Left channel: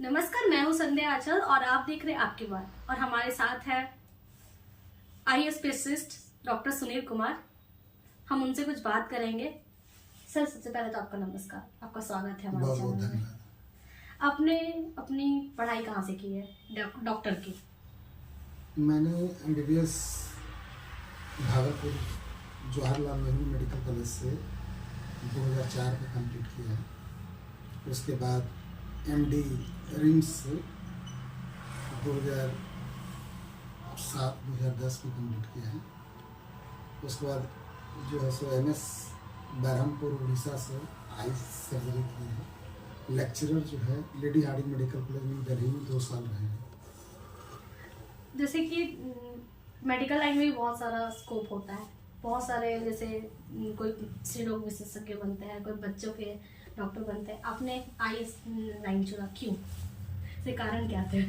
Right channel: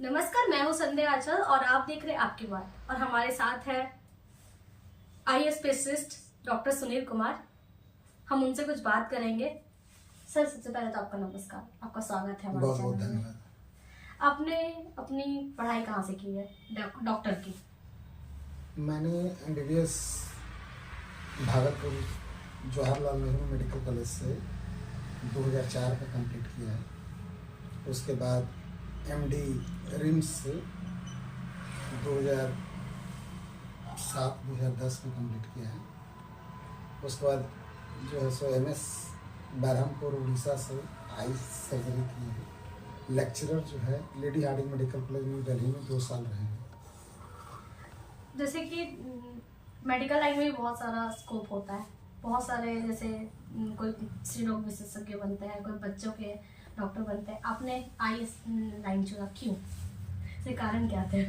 नमस्कार, मैं हूं संध्या आंचल और आप देख रहे हैं आपकी बात। और हमारे साथ है eye specialist doctor Sunil Kumar. हम उनसे कुछ बात करेंगे। सर, सबसे पहले तो आपका नमस्कार, आपका स्वागत है हमारे चैनल में। आपने अपनी पढ़ाई कहाँ से की है डॉक्टर की? मैंने MBBS Bhagalpur Jawaharlal Nehru medical college से 2004 में कंप्लीट किया है। उसके बाद MD रिम्स से 2007-2010 में कंप्लीट किया है। उसके बाद जो है सो MS बरहमपुर उड़ीसा से आई सर्जरी की है। लेक्चरर जो है लेडी हार्डिंग मेडिकल कॉलेज में दिल्ली में 2 साल रहे हैं। जैसे कि मेडिकल लाइन में भी बहुत सारा स्कोप होता है, बहुत सारे, जैसे कोई स्त्री रोग विशेषज्ञ बनते हैं, कोई बच्चों के डॉक्टर बनते हैं। आपने आई लाइन चुना, क्यों? इसके कारण क्या थे?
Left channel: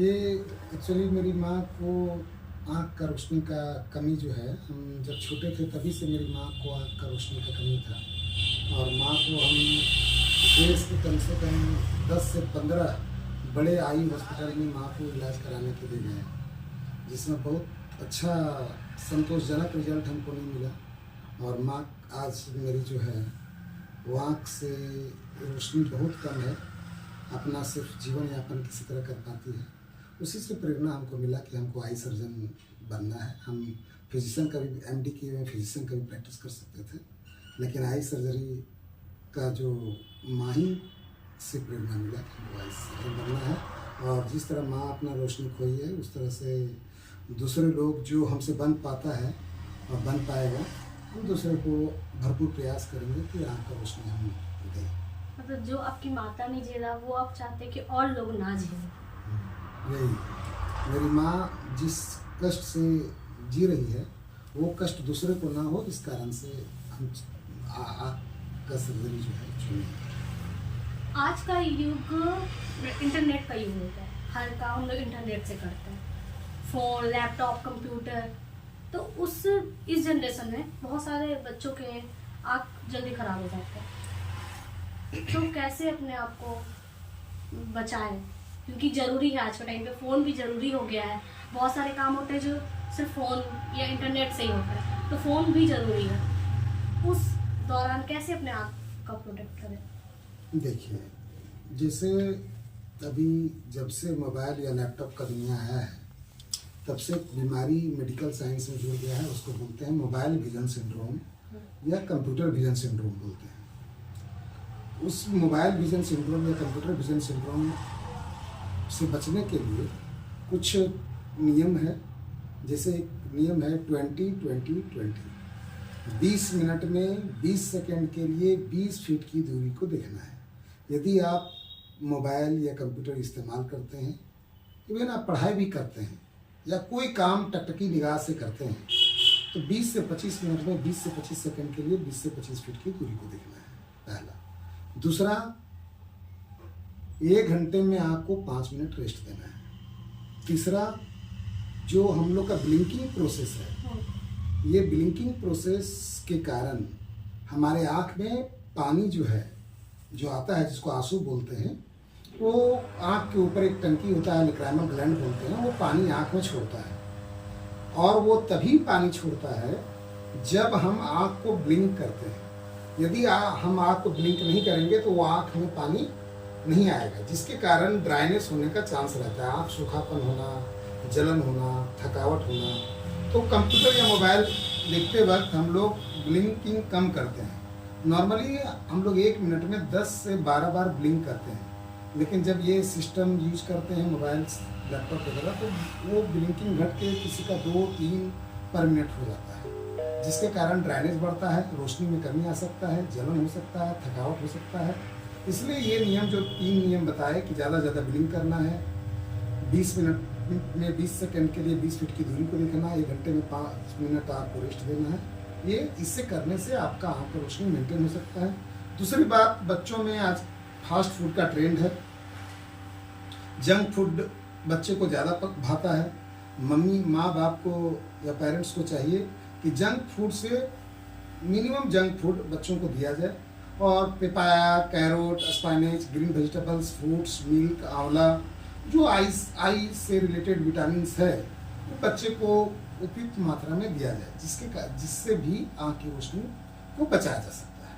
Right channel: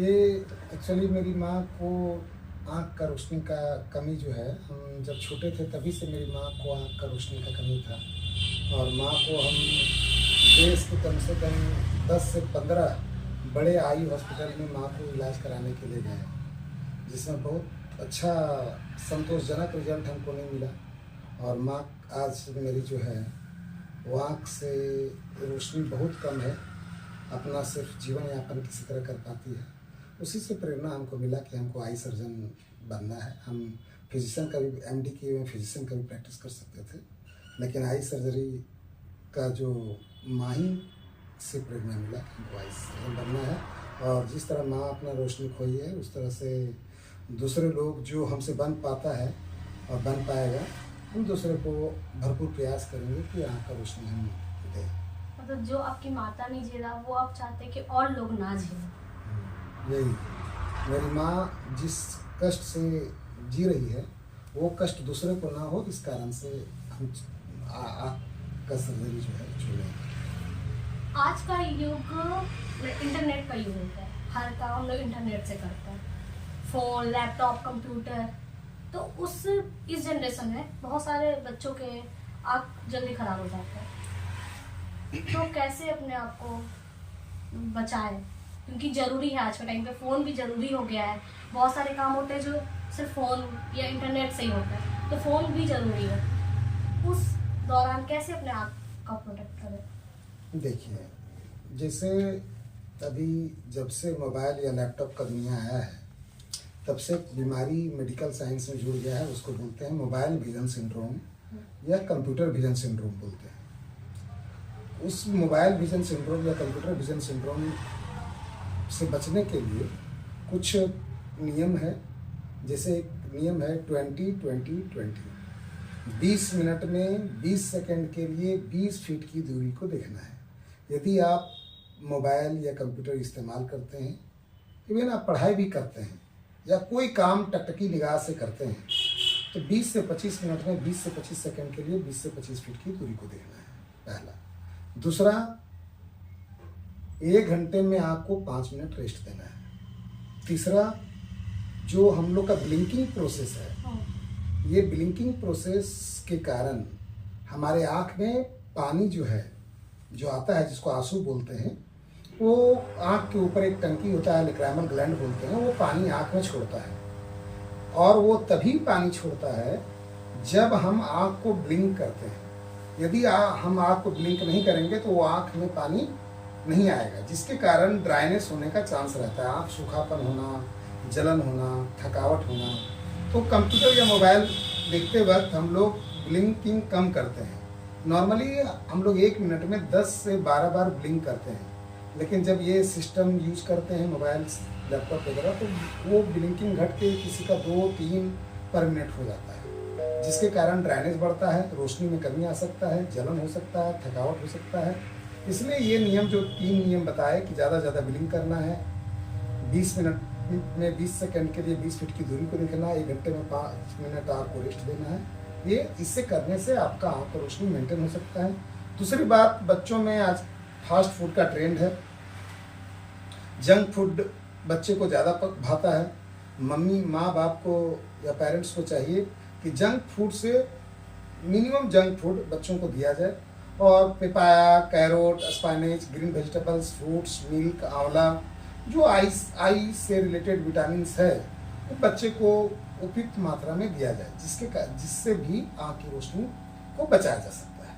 ये एक्चुअली मेरी माँ को आँख का रोशनी का कमी जो है, हम जब छोटे थे तभी से मेरी माँ को आँख का रोशनी का कमी था। और माँ को हम देश के कम से कम 10 से 15 बड़े आई हॉस्पिटल में माँ को इलाज कराने के लिए गए, जिसमें बहुत अच्छा संतोषजनक रिजल्ट हमको नहीं मिला। और माँ आज मेरी जो है वो आँख से रोशनी बहुत कम है, अपना सिर्फ जीवन यापन किसी तरह कर पाती है। उसी से प्रेरणा हमको मिला कि हमको आई सर्जन बनना है। हम फिजिशियन का भी MD किए हुए फिजिशियन का भी प्रैक्टिस कर सकते थे, लेकिन आई सर्जरी का जो माही से प्रेरणा मिला कि हमको आई सर्जन बनना है। और जिस तरह माँ अपना रोशनी खोई है, उस तरह से दूसरे लोग जो हमसे बन पाता है और बन पाएगा, हम दूसरे को भरपूर प्रयास करेंगे कि आँख का रोशनी हम दें। मतलब जो आपकी माता नहीं झेला, वो आप चाहते कि और लोग ना झेलें। नहीं, मेरी माँ जिस कष्ट से जी रही है वो कष्ट दूसरे को ना हो, इस कारण से हम आँख का सर्जरी जो है चुने। आज का युग इंटरनेट का युग होता है, हर काम हम लोग इंटरनेट से करते हैं, फोन, लैपटॉप, कंप्यूटर। तो इस जनरेशन में बहुत सारे बच्चों के आँख जल्दी खराब हो जाते हैं। तो कैसे अपने आप को बचाएं? क्योंकि जरूरी है, आज के टाइम पे फोन भी जरूरी हो गया है। बहुत सारे काम होते हैं जो सिर्फ फोन या इंटरनेट से ही होता है, तो फोन भी जरूरी है। उस दौरान कैसे अपने आप का प्रोटेक्ट करें? देखिए, जैसे अभी जब से मोबाइल या लैपटॉप का दुनिया आया है, तब से बीमारी मेडिकल साइंस में जुड़ गया है। उसको बोलते हैं मोबाइल विजन सिंड्रोम या कंप्यूटर विजन सिंड्रोम बोलते हैं। उस मोबाइल विजन सिंड्रोम या कंप्यूटर विजन सिंड्रोम से बचने के लिए कुछ नियम है। जैसे एक नियम है 20-20-20। 20 मिनट में 20 सेकंड के लिए 20 फीट की दूरी को देखना है। यदि आप मोबाइल या कंप्यूटर इस्तेमाल करते हैं, इवन आप पढ़ाई भी करते हैं या कोई काम टकटकी निगाह से करते हैं, तो 20 से 25 मिनट में 20 से 25 सेकंड के लिए 20 से 25 फीट की दूरी को देखना है, पहला। दूसरा, 1 घंटे में आपको 5 मिनट रेस्ट देना है। तीसरा, जो हम लोग का ब्लिंकिंग प्रोसेस है, ये ब्लिंकिंग प्रोसेस के कारण हमारे आँख में पानी जो है, जो आता है, जिसको आंसू बोलते हैं, वो आँख के ऊपर एक टंकी होता है, लैक्रिमल ग्लैंड बोलते हैं, वो पानी आँख में छोड़ता है। और वो तभी पानी छोड़ता है जब हम आँख को ब्लिंक करते हैं। यदि हम आँख को ब्लिंक नहीं करेंगे तो वो आँख में पानी नहीं आएगा, जिसके कारण ड्राइनेस होने का चांस रहता है, आँख सूखापन होना, जलन होना, थकावट होना। तो कंप्यूटर या मोबाइल देखते वक्त हम लोग ब्लिंकिंग कम करते हैं। नॉर्मली हम लोग 1 मिनट में 10 से 12 बार ब्लिंक करते हैं, लेकिन जब ये सिस्टम यूज करते हैं मोबाइल, लैपटॉप वगैरह, तो वो ब्लिंकिंग घट के किसी का 2-3 पर मिनट हो जाता है, जिसके कारण ड्राइनेज बढ़ता है, रोशनी में कमी आ सकता है, जलन हो सकता है, थकावट हो सकता है। इसलिए ये नियम, जो 3 नियम बताए कि ज़्यादा ब्लिंक करना है, 20 मिनट में 20 सेकंड के लिए 20 फीट की दूरी को देखना है, 1 घंटे में 5 मिनट आपको रेस्ट देना है, ये इससे करने से आपका आँख का रोशनी मेंटेन हो सकता है। दूसरी बात, बच्चों में आज फास्ट फूड का ट्रेंड है, जंक फूड बच्चे को ज़्यादा भाता है। माँ बाप को या पेरेंट्स को चाहिए कि जंक फूड से मिनिमम जंक फूड बच्चों को दिया जाए और papaya, carrot, spinach, green vegetables, fruits, milk, आंवला, जो आई से रिलेटेड विटामिन है वो बच्चे को उपयुक्त मात्रा में दिया जाए, जिससे भी आंख की रोशनी को बचाया जा सकता है।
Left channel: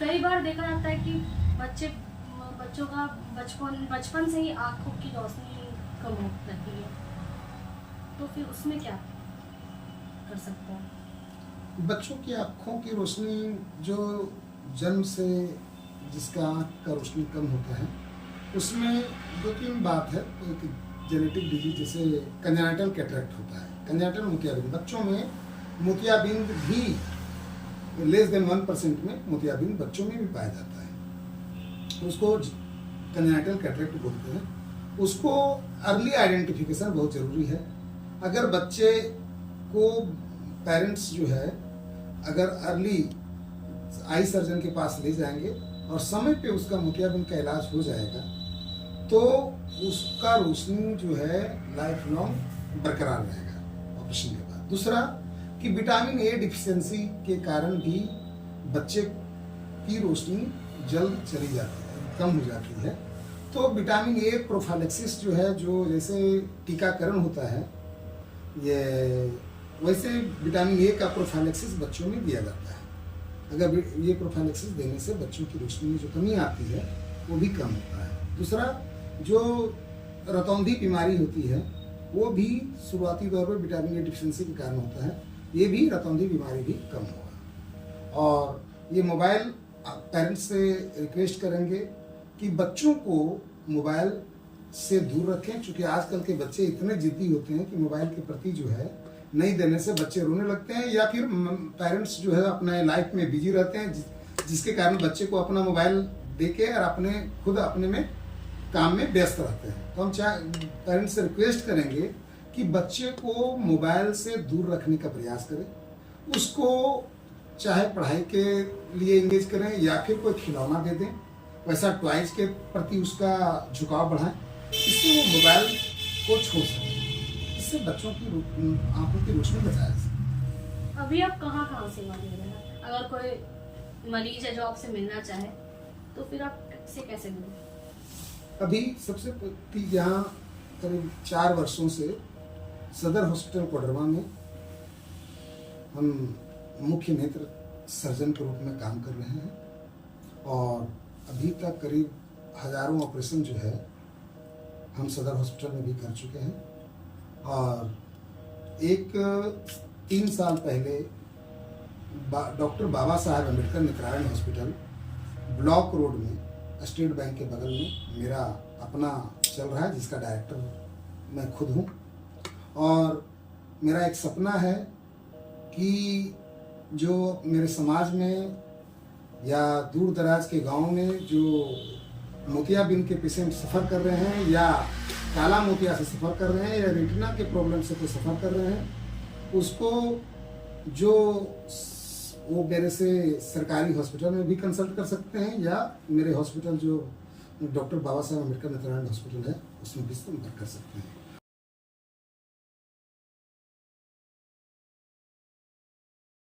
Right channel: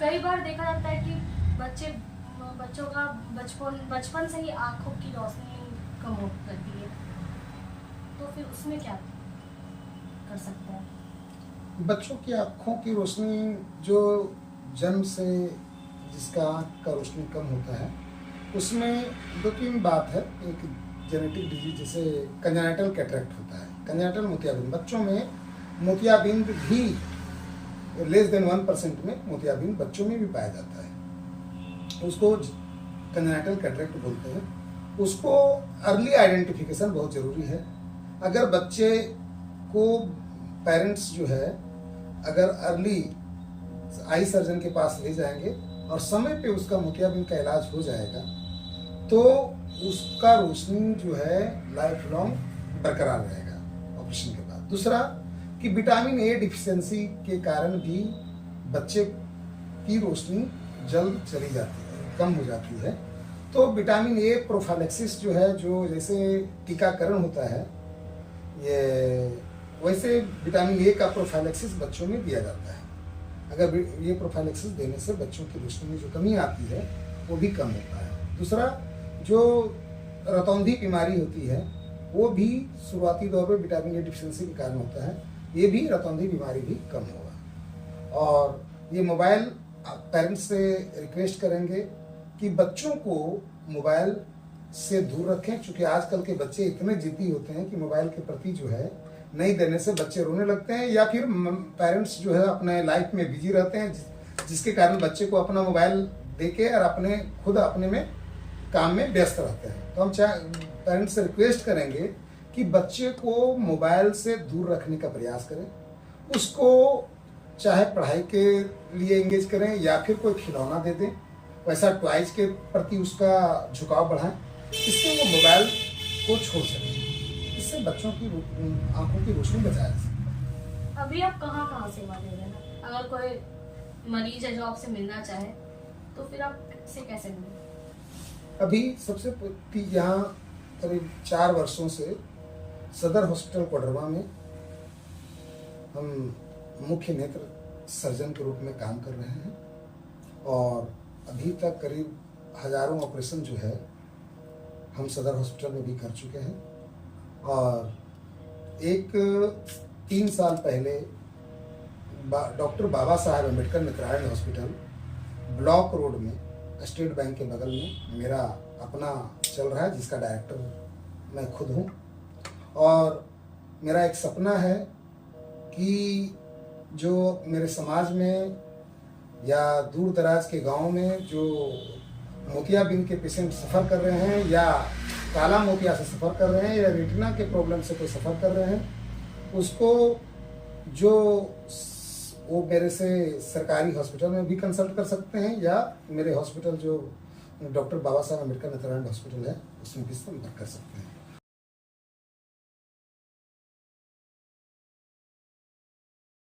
कई बार देखा जाता है कि बच्चों का बचपन से ही आंखों की रोशनी कम हो जाती है, तो फिर उसमें क्या कर सकते हैं? बच्चों की आंखों की रोशनी जो जन्म से जिसका आंख का रोशनी कम होता है, उसमें 2-3 बात है। एक जेनेटिक डिजीज जैसे कंजेनिटल कैटरेक्ट होता है, कंजेनिटल मोतियाबिंद। बच्चों में मोतियाबिंद भी लेस देन 1% में मोतियाबिंद बच्चों में भी पाया जाता है, तो उसको कंजेनिटल कैटरेक्ट बोलते हैं। उसको अर्ली आइडेंटिफिकेशन बहुत जरूरी है। अगर बच्चे को पेरेंट्स जो है अगर अर्ली आई सर्जन के पास ले जाएंगे और समय पे उसका मोतियाबिंद का इलाज हो जाएगा, तो उसका रोशनी जो है लाइफ लॉन्ग बरकरार रहेगा ऑपरेशन के बाद। दूसरा कि विटामिन ए डिफिशियंसी के कारण भी बच्चे की रोशनी जल्द चली जाती है, कम हो जाती है। तो विटामिन ए प्रोफाइलैक्सिस जो है, जो जैसे टीकाकरण होता है, ये वैसे विटामिन ए का प्रोफाइलैक्सिस बच्चों में दिया जाता है। अगर ये प्रोफाइलैक्सिस देने से बच्चों की रोशनी में जो कमी आती है वो भी कम होता है। दूसरा, जो रतौंधी बीमारी होती है वो भी शुरुआती दौर में विटामिन ए डिफिशियंसी के कारण होता है, ये भी रतौंधी बीमारी भी कम होगा। और ये मोबाइल पेरेंट्स से रिक्वेस्ट करेंगे कि बच्चों को मोबाइल से दूर रखें, क्योंकि आजकल के बच्चे इतने जिद्दी होते हैं कि मोबाइल के प्रति जो है नहीं देने से बच्चे रोने लगते हैं, या फिर पेरेंट्स जो है अपने लाइफ में बिजी रहते हैं, जिसके कारण बच्चे को अपना मोबाइल देके और खुद अपने में काम में व्यस्त रहते हैं। तो हम पेरेंट्स से रिक्वेस्ट करेंगे कि बच्चे को मोबाइल से दूर रखने का प्रयास करें, उसको चाहे पढ़ाई के लिए एंगेज करें या फिर कोई खिलौना दे दें, वैसा टॉयज के प्रति उसका झुकाव बढ़ाएं, इससे वो मोबाइल को छोड़ सके। इससे बच्चों की आंखों की रोशनी बचाया जा सकता है। अभी आप कहाँ सेवा दे रहे हैं? अगर कोई मरीज है जो आपसे मिलना चाहे तो फिर आप से कैसे मिलें? अभी सबसे यहाँ करीब 4 वर्षों से सदर हॉस्पिटल कोडरमा में हम मुख्य नेत्र सर्जन के रूप में काम कर रहे हैं, और अभी तक करीब हजारों ऑपरेशन जो है हम सदर हॉस्पिटल में भी कर चुके हैं। और 3 साल पहले डॉक्टर बाबा साहब अम्बेडकर नेत्रालय हॉस्पिटल ब्लॉक रोड में स्टेट बैंक के बगल में मेरा अपना चल रहा है, जिसका डायरेक्टर मैं खुद हूँ। और मेरा एक सपना है कि जो मेरे समाज में या दूर दराज के गांव में जो मोतियाबिंद के पेशेंट सफ़र कर रहे हैं, या काला मोतिया से सफ़र कर रहे हैं, या रेटिना के प्रॉब्लम से कोई सफ़र कर रहे हैं, उसको जो वो मेरे से सरकारी हॉस्पिटल में भी कंसल्ट कर सकते हैं, या मेरे हॉस्पिटल जो डॉक्टर बाबा साहब अम्बेडकर नेत्रालय हॉस्पिटल है उसमें भी संपर्क कर सकते हैं।